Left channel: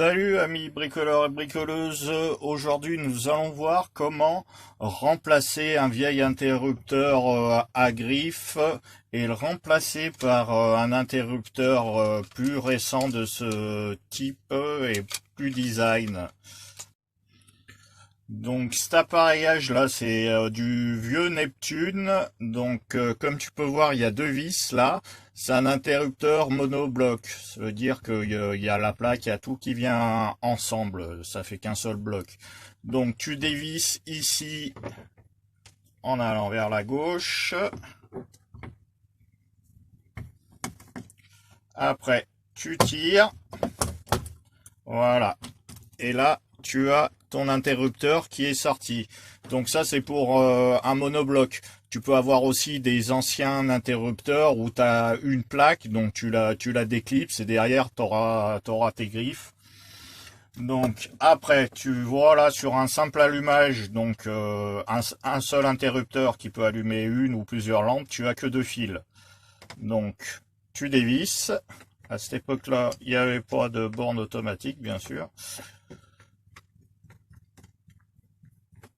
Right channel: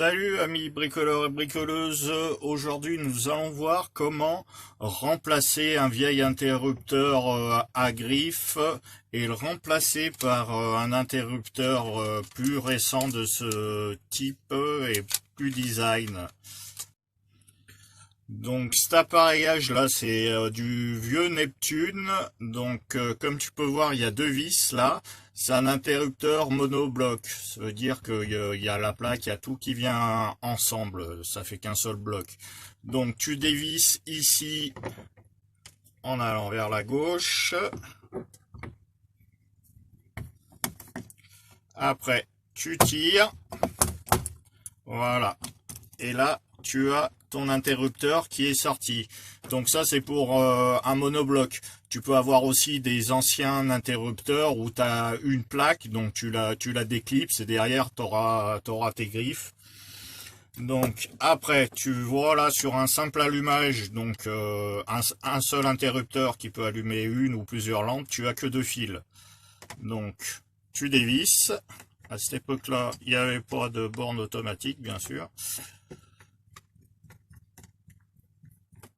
Salut amis bricoleurs et bricoleuses, aujourd'hui nous allons voir comment remplacer un vieil interrupteur à griffe et le remplacer par un interrupteur plus récent de ce type et plus design. Donc cet appareillage là c'est du vieux Neptune, donc comme tu peux voir il y a deux vis là, c'est un interrupteur monobloc, ça veut dire qu'il y a la plaque, il y a tout qui vient ensemble, ça fait qu'un seul bloc. Donc tu dévisses ici en allant vers la gauche, après tu tires, voilà, et là tu as ton interrupteur qui est sorti. Donc ça c'est pour un monobloc. Tu peux avoir aussi des anciens interrupteurs où tu as une plaque, donc tu la déclipses et derrière tu auras tes griffes. Donc après tu vois là sur un simple allumage, donc un seul interrupteur qui peut allumer une ou plusieurs lampes, tu as que deux fils. Donc tu dévisses. À cette époque-là, il n'y avait pas de borne automatique, bien sûr.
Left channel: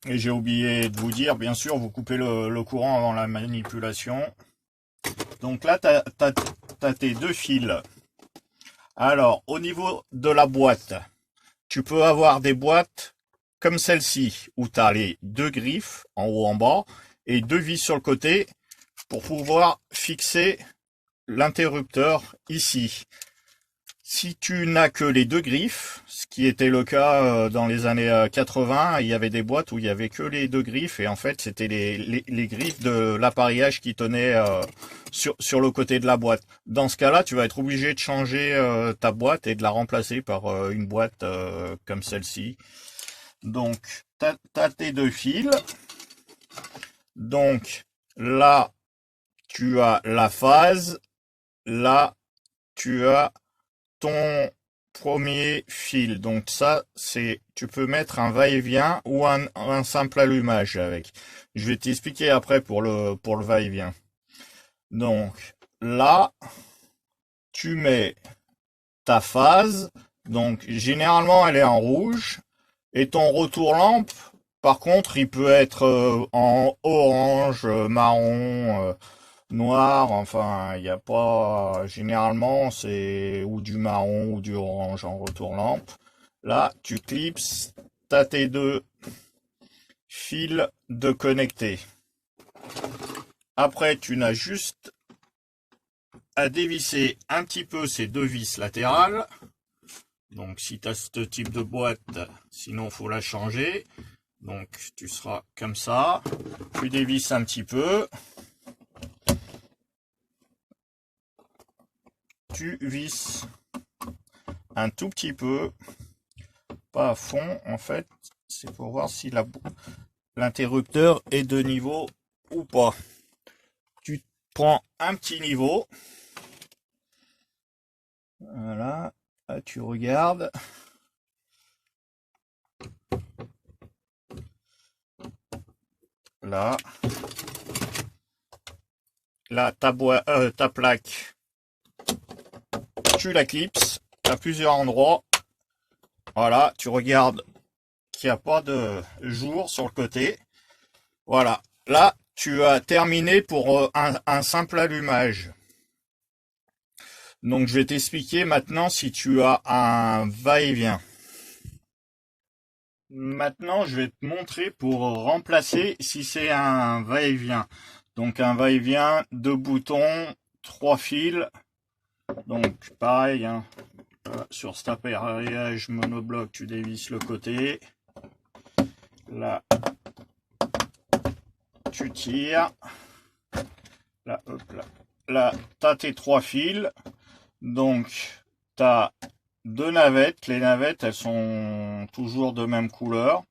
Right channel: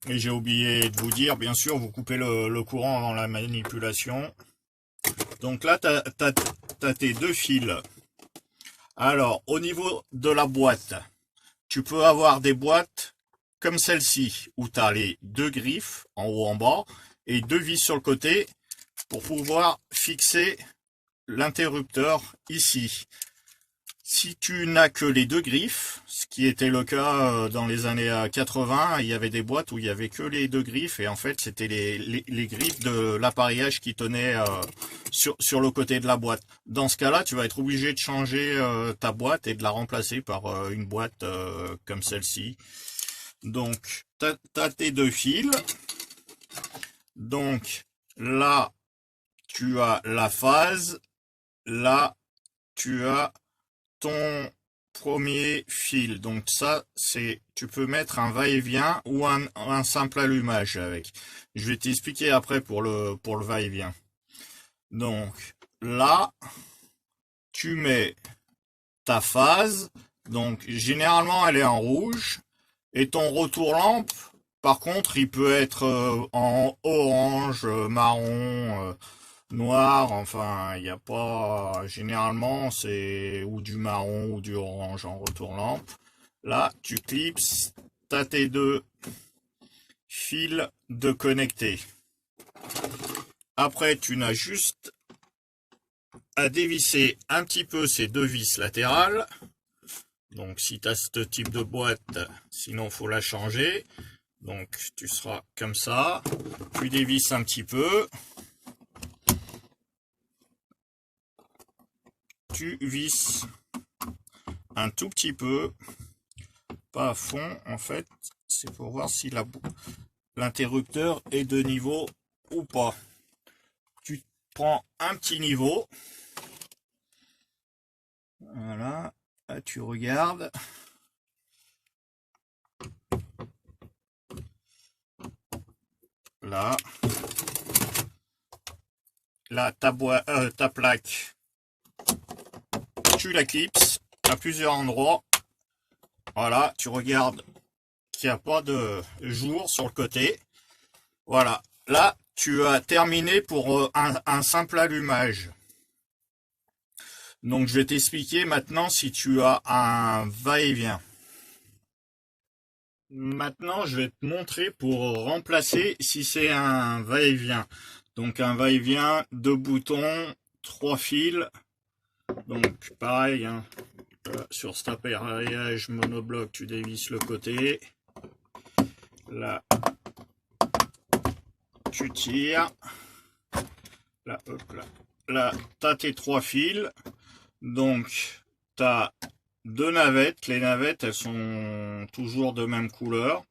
Et j'ai oublié de vous dire, bien sûr, vous coupez le courant avant la manipulation. Donc là, tu as tes deux fils. Alors, au niveau de la boîte, tu peux avoir des boîtes comme celle-ci, où tu as les deux griffes, en haut en bas, et deux vis sur le côté, pour pouvoir fixer l'interrupteur ici. Si tu n'as que les deux griffes, ce qui était le cas dans les années 80, il y avait des boîtes où il y avait que les deux griffes et en fait c'était les griffes de l'appareillage qui tenaient sur le côté de la boîte. Dans ce cas-là, tu vas être obligé de changer ta boîte et de la remplacer par une boîte comme celle-ci. Donc, tu as tes deux fils. Donc, là, tu as la phase. Là, tu as ton premier fil. Donc ça, tu peux mettre un va-et-vient ou un simple allumage avec. Je vais t'expliquer après pour le va-et-vient. Donc là, tu mets ta phase. Donc généralement, elle est en rouge. Et ton retour lampe, par contre, il peut être en orange, marron, noir, enfin, il n'y a pas, généralement, c'est ou du marron ou du orange en retour lampe. Là, tu clipses, tu as tes deux fils de connectés. Après, tu n'as juste à dévisser un petit peu ces deux vis latérales. Donc, si tu as ce type de boîte, sinon, il faut la changer. Donc, tu seras comme ça. Tu dévisses un petit peu. Tu visses un tout petit peu, pas à fond en fait, c'est pour voir si l'interrupteur est de niveau ou pas. Tu prends un petit niveau, voilà, là, tu regardes, là, ta plaque, tu la clipses à plusieurs endroits, voilà, tu regardes qu'il n'y a pas de jour sur le côté, voilà, là tu as terminé pour un simple allumage. Donc je vais t'expliquer maintenant si tu as un va-et-vient. Maintenant je vais te montrer pour remplacer si c'est un va-et-vient. Donc un va-et-vient, deux boutons, trois fils. Donc pareil, hein, sur cet appareillage monobloc, tu dévisses le côté. Là, tu tires. Là, hop là. Là, tu as tes trois fils. Donc, tu as deux navettes. Les navettes, elles sont toujours de même couleur.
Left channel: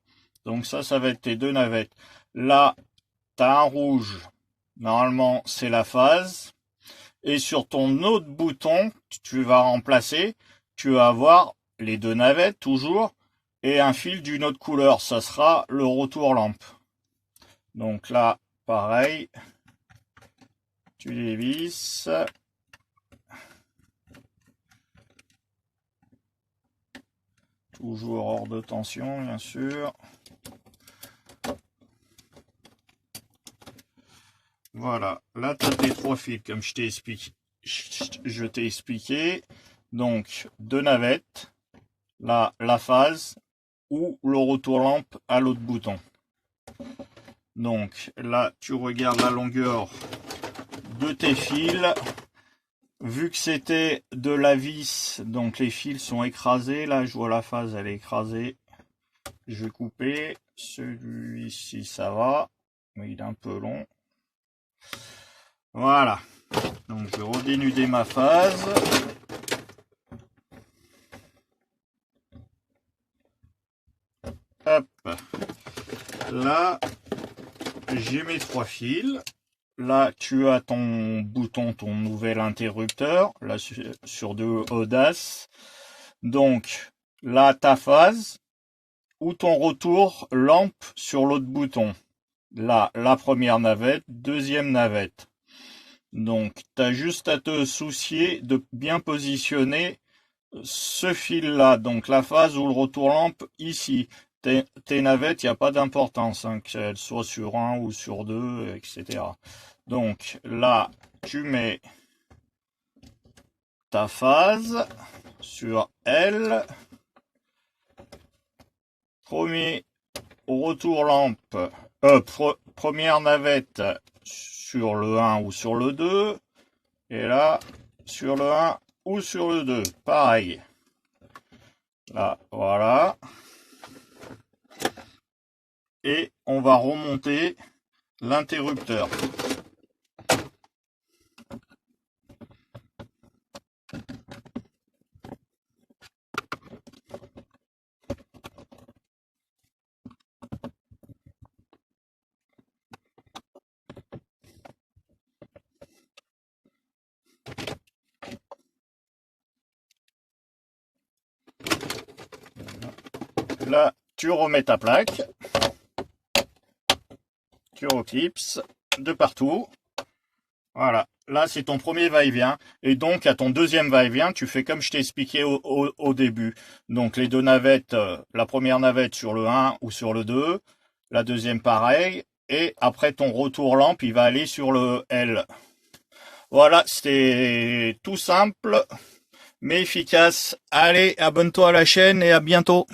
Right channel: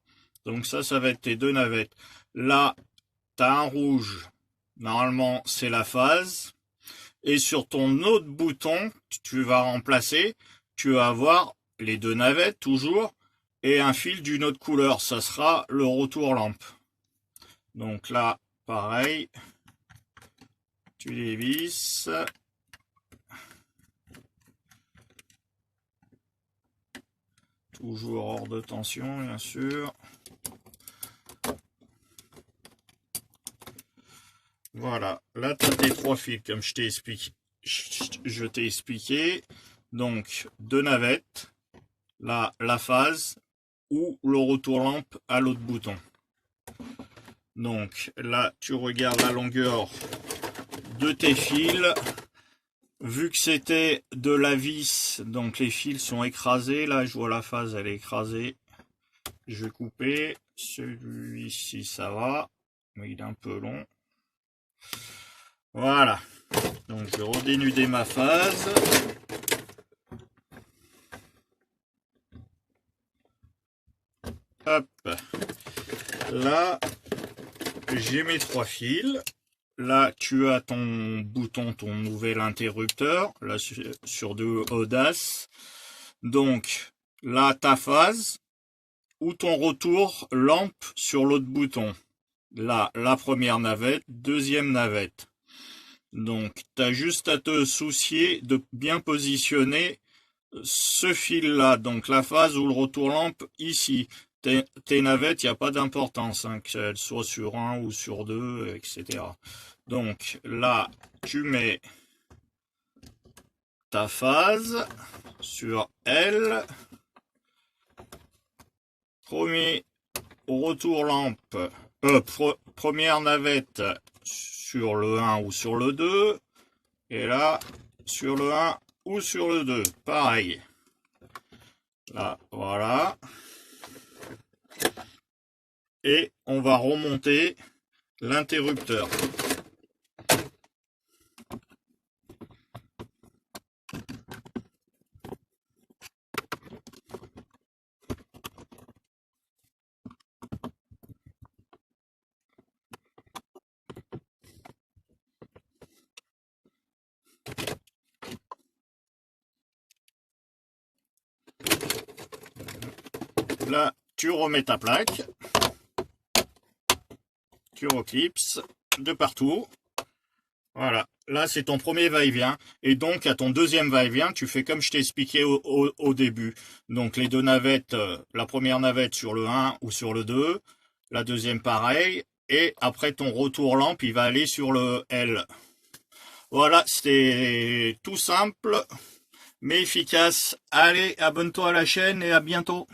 Donc ça va être tes deux navettes. Là, tu as un rouge. Normalement, c'est la phase. Et sur ton autre bouton, tu vas remplacer, tu vas avoir les deux navettes toujours. Et un fil d'une autre couleur. Ça sera le retour lampe. Donc là, pareil. Tu dévisses. Toujours hors de tension, bien sûr. Voilà, là tu as tes 3 fils comme je t'ai expliqué. Donc 2 navettes, là la phase ou le retour lampe à l'autre bouton. Donc là tu regardes la longueur de tes fils. Vu que c'était de la vis, donc les fils sont écrasés. Là je vois la phase, elle est écrasée. Je vais couper. Celui-ci ça va, mais il est un peu long. Voilà, donc je vais redénuder ma phase. Hop, là j'ai mes 3 fils. Là tu as ton bouton, ton nouvel interrupteur, là sur de Audace. Donc là ta phase ou ton retour lampe sur l'autre bouton. Là la première navette, deuxième navette. Donc, tu as juste à te soucier de bien positionner ce fil-là, donc la phase ou le retour lampe ici. Tes navettes, il n'y a pas d'importance, hein, qu'elles soient sur 1 ou sur 2, etc. Donc là, tu mets ta phase sur L. Premier retour lampe, première navette sur le 1 ou sur le 2, et là sur le 1 ou sur le 2, pareil. Là, voilà. Et on va remonter l'interrupteur. Là, tu remets ta plaque, tu reclipses de partout. Voilà, là c'est ton premier va-et-vient. Et donc à ton deuxième va-et-vient, tu fais comme je t'ai expliqué au début. Donc les 2 navettes, la première navette sur le 1 ou sur le 2, la deuxième pareil. Et après ton retour lampe, il va aller sur le L. Voilà, c'était tout simple, mais efficace. Allez, abonne-toi à la chaîne et à bientôt.